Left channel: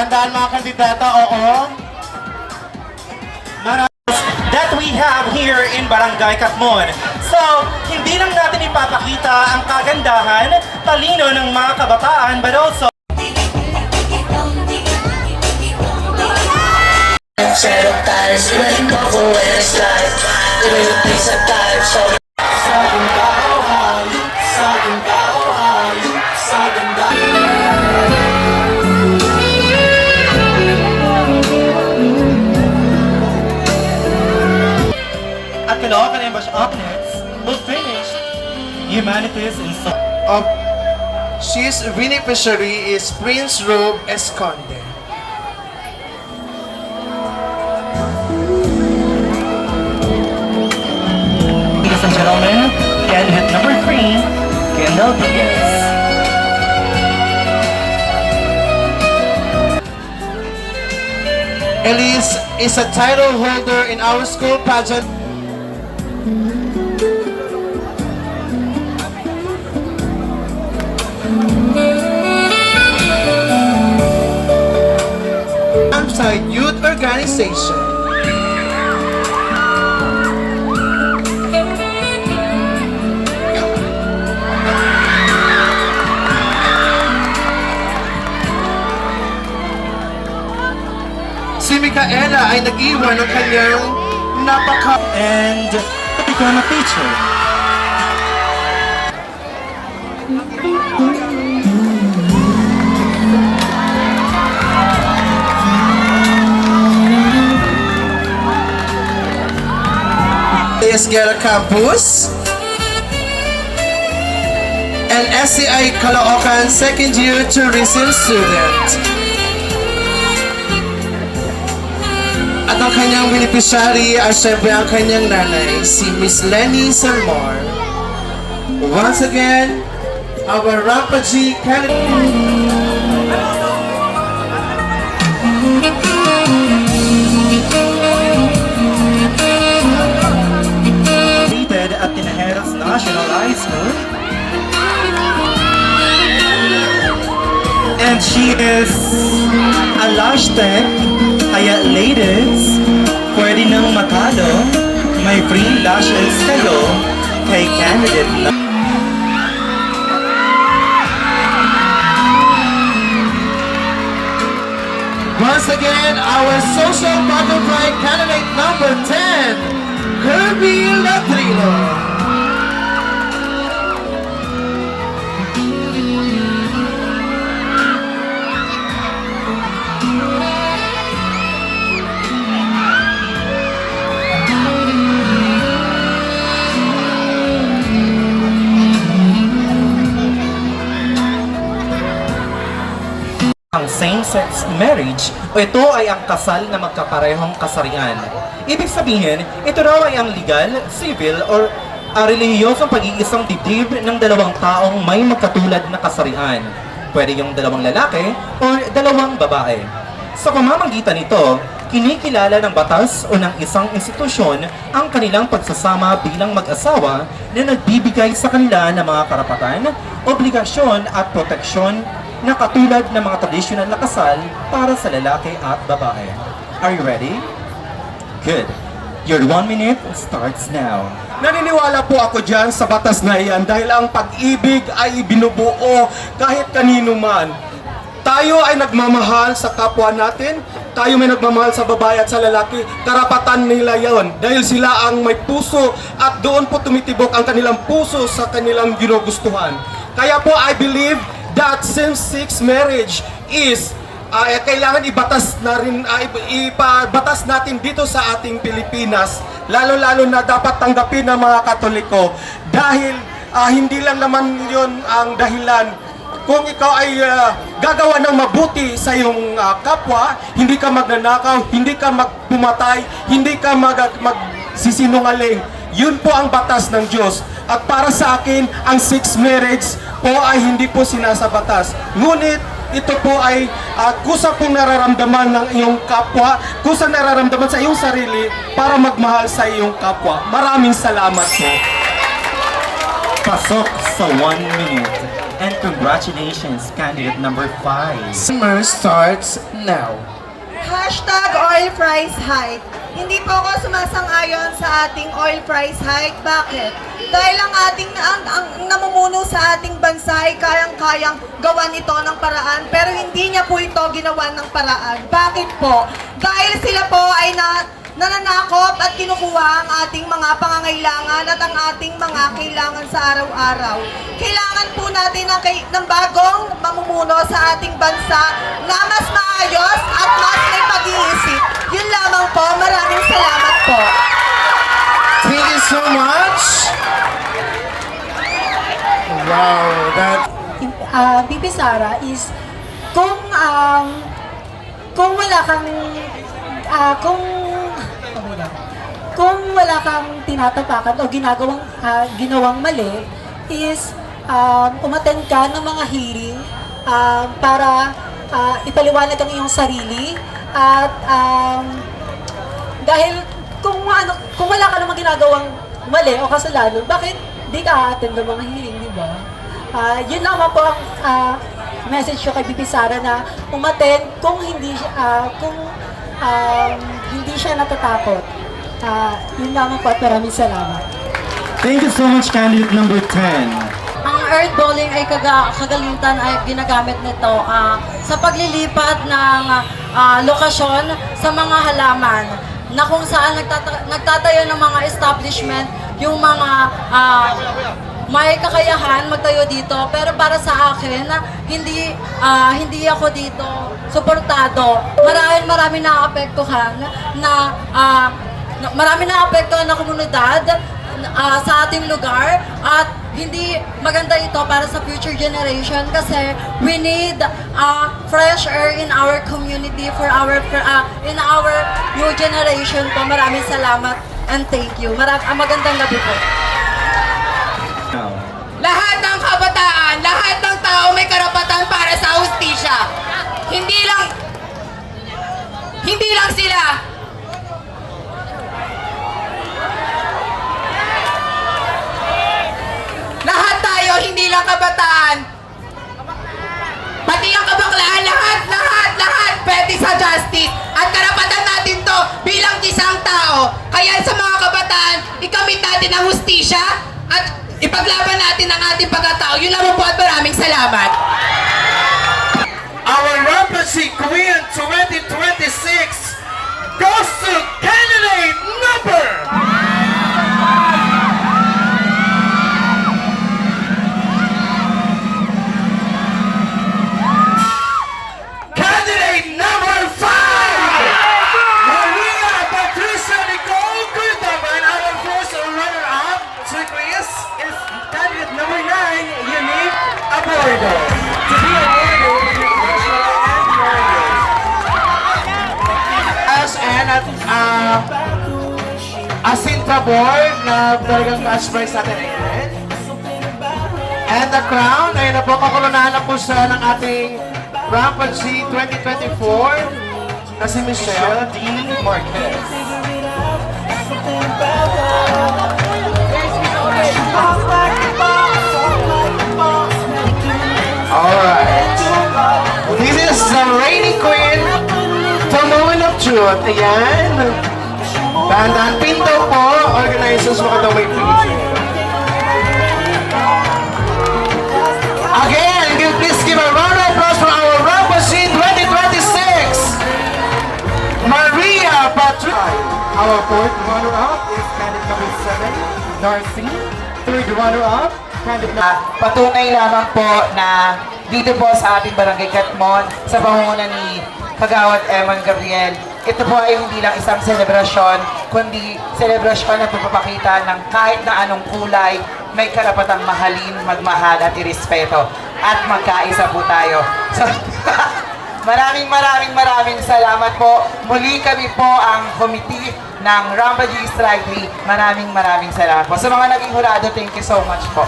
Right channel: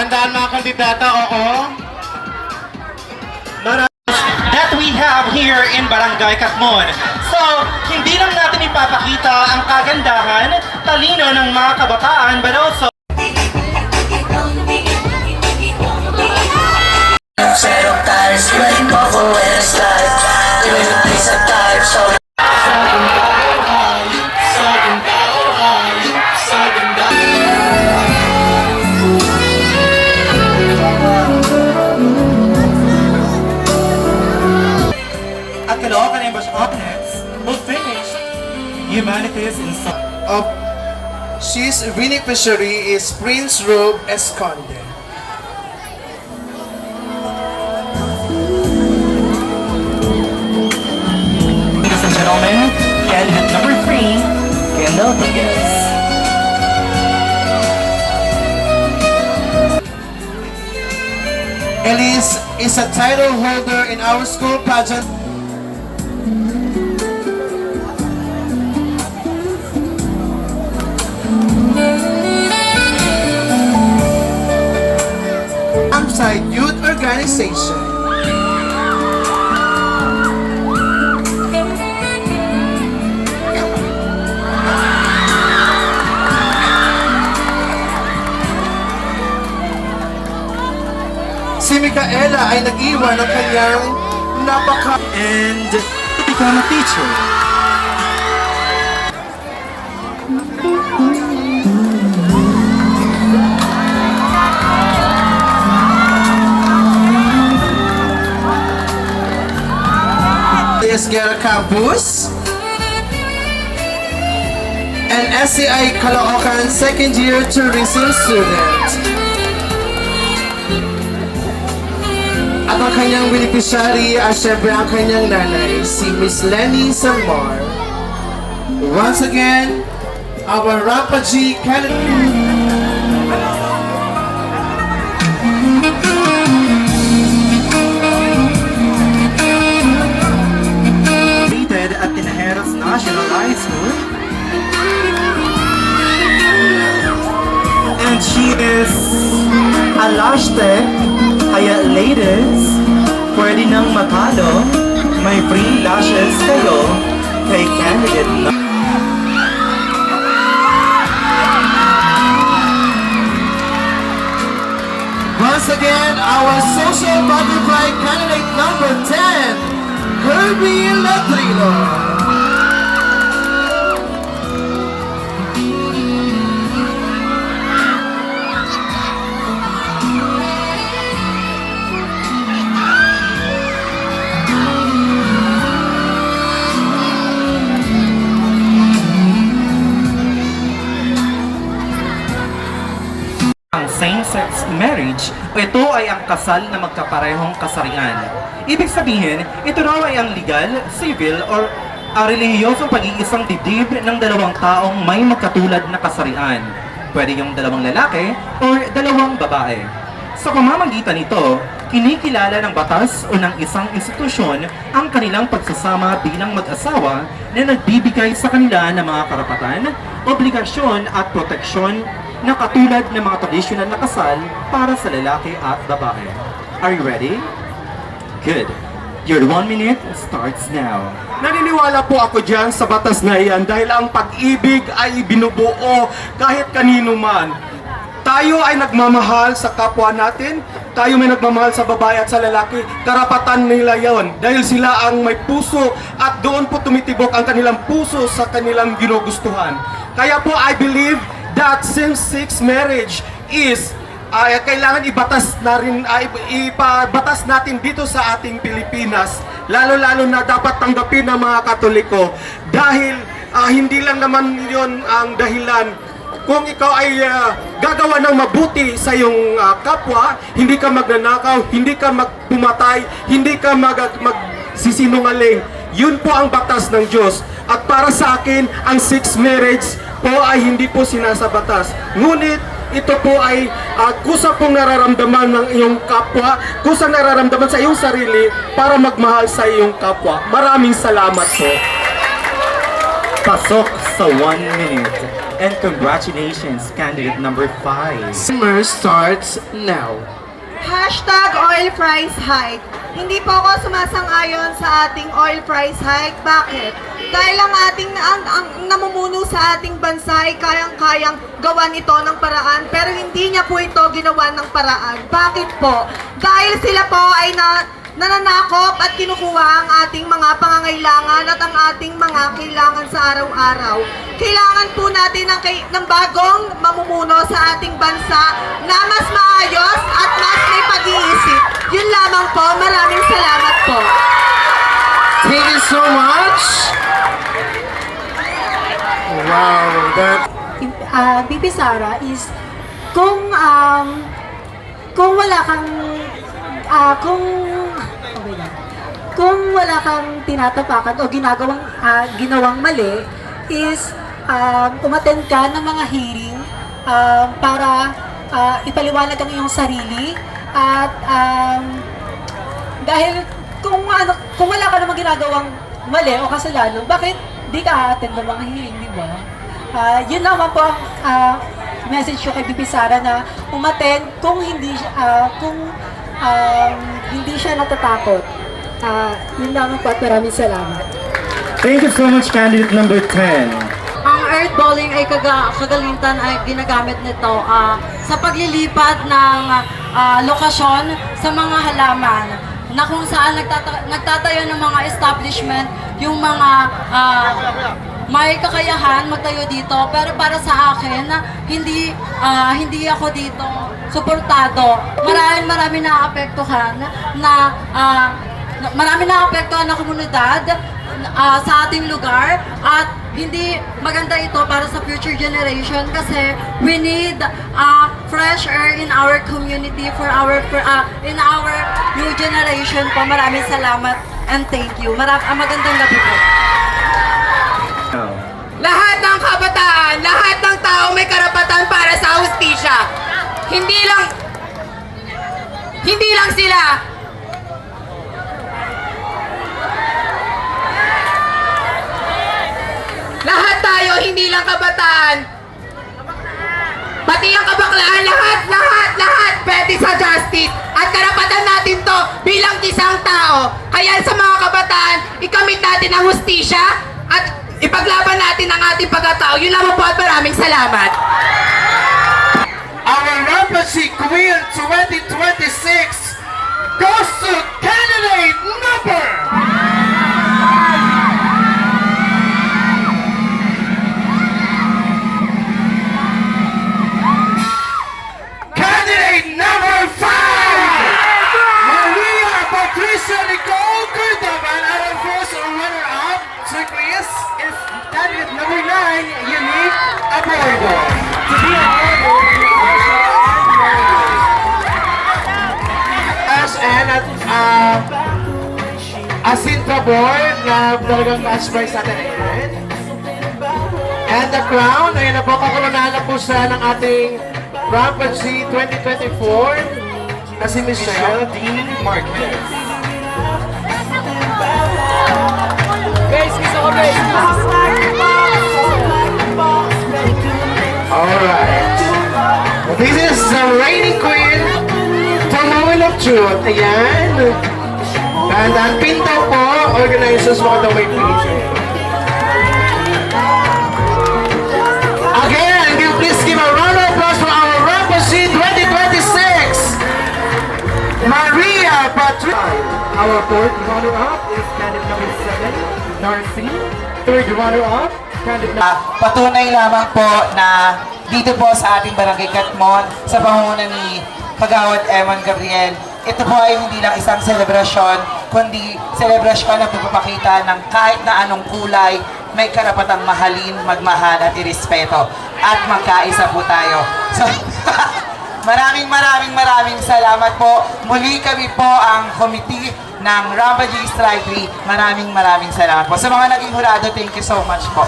Dahan-dahan mga kandidata, oo. That we have here in Barangay Katmon. So, hindi lang natin ipapakita ang kagandahan, talino ng mga kabataan, but also Set of tires, ready for when it's live. Doing a piece of time, so at Caloocan Ambush up next will finish Humanities in Of she's beneficiary is Prince Robe Esconde. Ladies and gentlemen, candidate number 3, Kendall Piquez. Elise is a title holder in our school pageant. Outside Youth Organization. Si Micaela ay nag-iwan ng kanyang And to become a teacher. Esguerra Campus and SCI Caloocan second year tourism student. At ang kanyang beneficiary ay siyempre ang kanyang nanay, si Miss Lenny Salmar. Once again, our Rampaji candidate. At Tinajeros National High School. And she is a hashtag, kaya ladies, pwede nang matalo, may free lashes kayo kay candidate na. Once again, our social butterfly candidate number 10, Kirby Ladrilo. Ang same-sex marriage, ito ay ang kasal na magkaparehong kasarian. Ibig sabihin, ito raw ay ang legal, civil, or relihiyosong pag-iisang dibdib ng dalawang taong may magkatulad na kasarian. Pwede yung dalawang lalaki or dalawang babae. Sa pamamagitan nito, kinikilala ng batas o ng isang institusyon ang kanilang pagsasama bilang mag-asawa na nagbibigay sa kanila ng mga karapatan, obligasyon at proteksyon na katulad ng mga tradisyonal na kasal para sa lalaki at babae. Are you ready? Good. Your 1 minute starts now. Naniniwala po ako dyan sa batas na iyan dahil ang pag-ibig ay binubuo kahit kanino man. Tayo ay nagmamahal sa kapwa natin, tayo may nagmamahal sa babae at sa lalaki, karapatan nila yon dahil sila ang may puso at doon po tumitibok ang kanilang puso sa kanilang ginugustuhan. Kaya po I believe that same-sex marriage is kailangan ibatas na rin, ipabatas natin dito sa ating Pilipinas, lalo-lalo na dapat tanggapin ng mga Katoliko dahil hindi lang naman yon ang dahilan. Kung ikaw ay gagawa ng mabuti sa iyong kapwa, hindi ka magnanakaw, hindi ka magpumatay, hindi ka magsisinungaling. Yun po ang batas ng Diyos. At para sa akin, ang sex marriage po ay hindi po sinasabatas. Ngunit ito po ay kusa pong nararamdaman ng iyong kapwa, kusa nararamdaman sa iyong sarili para magmahal sa iyong kapwa. Maraming salamat po. Pasok nasa 1 minute. And congratulations, candidate number 5. Summer starts now. Hashtag oil price hike. Hindi po ako sumasang-ayon sa ating oil price hike. Bakit? Dahil ang namumuno sa ating bansa ay kayang-kayang gawan ito ng paraan, pero hindi niya po ito ginawa ng paraan. Bakit po? Dahil sila po ay nananakop at kinukuha ang ating mga pangangailangan at ang ating mga kailangan sa araw-araw. Kailangan po natin ng bagong mamumuno sa ating bansa na mas maayos at mas may pag-iisip. Yun lamang po. Maraming salamat po. Thank you so much. Wow, that Bibi Sara is kung wala kang kung wala kang tinatapakan o ginawang mali is umattend ka ng mga hearing para ipaliwanag ang iyong sarili at dahil kung wala ka namang ginagawang mali o kasalanan, bakit di ka attend ng mga hearing, di ba? Yun naman po ang message ko kay Bibi Sara na umattend kung hindi siya natatakot. Yun naman po at maraming salamat. Thank you so much, candidate number 10. Ang earth balling ay kagalitan ay ginagamit nito sa paglilipat ng lokasyon sa mga halaman na kung saan nagtatayo ng mga establishment yung mga may kakayahan magtayo dito, pero para sa akin hindi ako dito suportado. Marami naapektuhan na komunidad sa ating lugar at hindi maganda ito para sa future generation kasi we need fresh air in our community in our new generation po. Maraming salamat and thank you. Magandang gabi po. Lahat ng kabataan, lahat ng tao may karapatan para sa hustisya. Hindi lang sila. Lahat tayo, hindi lang kabataan. Pati ang kabaklaan, lahat pwede sa justice. At karapatan natin to bilang isang tao. Kaya sa mga kabataan, ikamit natin ang hustisya at ipaglaban natin ang ating pagkatao. Yun naman po at maraming salamat. our Rampacy Queen 2026 goes to candidate number. Candidate number 5, Maria Patricia Nicole Curtaban. Our first runner-up, Chris, is candidate number 9, Unique Abordo. To be awarded as an Asintra Board na talagang match prize natin ngayon. And the crown, ayun na po, kakulunahan na po siya ng ating Rampacy 2024 na si Michelle D. Marquez. Alright. This is the reigning queen for Moment of Truth. Ayan. Dahan-dahan pinto po. Organizers mo daw may pinto. Again, please give a round of applause for our Rampacy 2026. Maria Patricia. Our fourth runner-up is candidate number 7, Darcy. Third runner-up, candidate number Patunay lamang po na dito po sa ating Barangay Katmon, sa pangunguna ni Kagawad Eman Gabriel, ito po ay hindi lang isang selebrasyon, kundi selebrasyon na pagpapakita ng kahit na anong kulay, may karapatang mahalin, magmahal at irespeto. At magkaisa po tayo. So, maraming salamat po. Muli kami po ang committee ng Rampagy Strike 3. Maraming salamat po. Sa mga naging hurado, thank you so much po.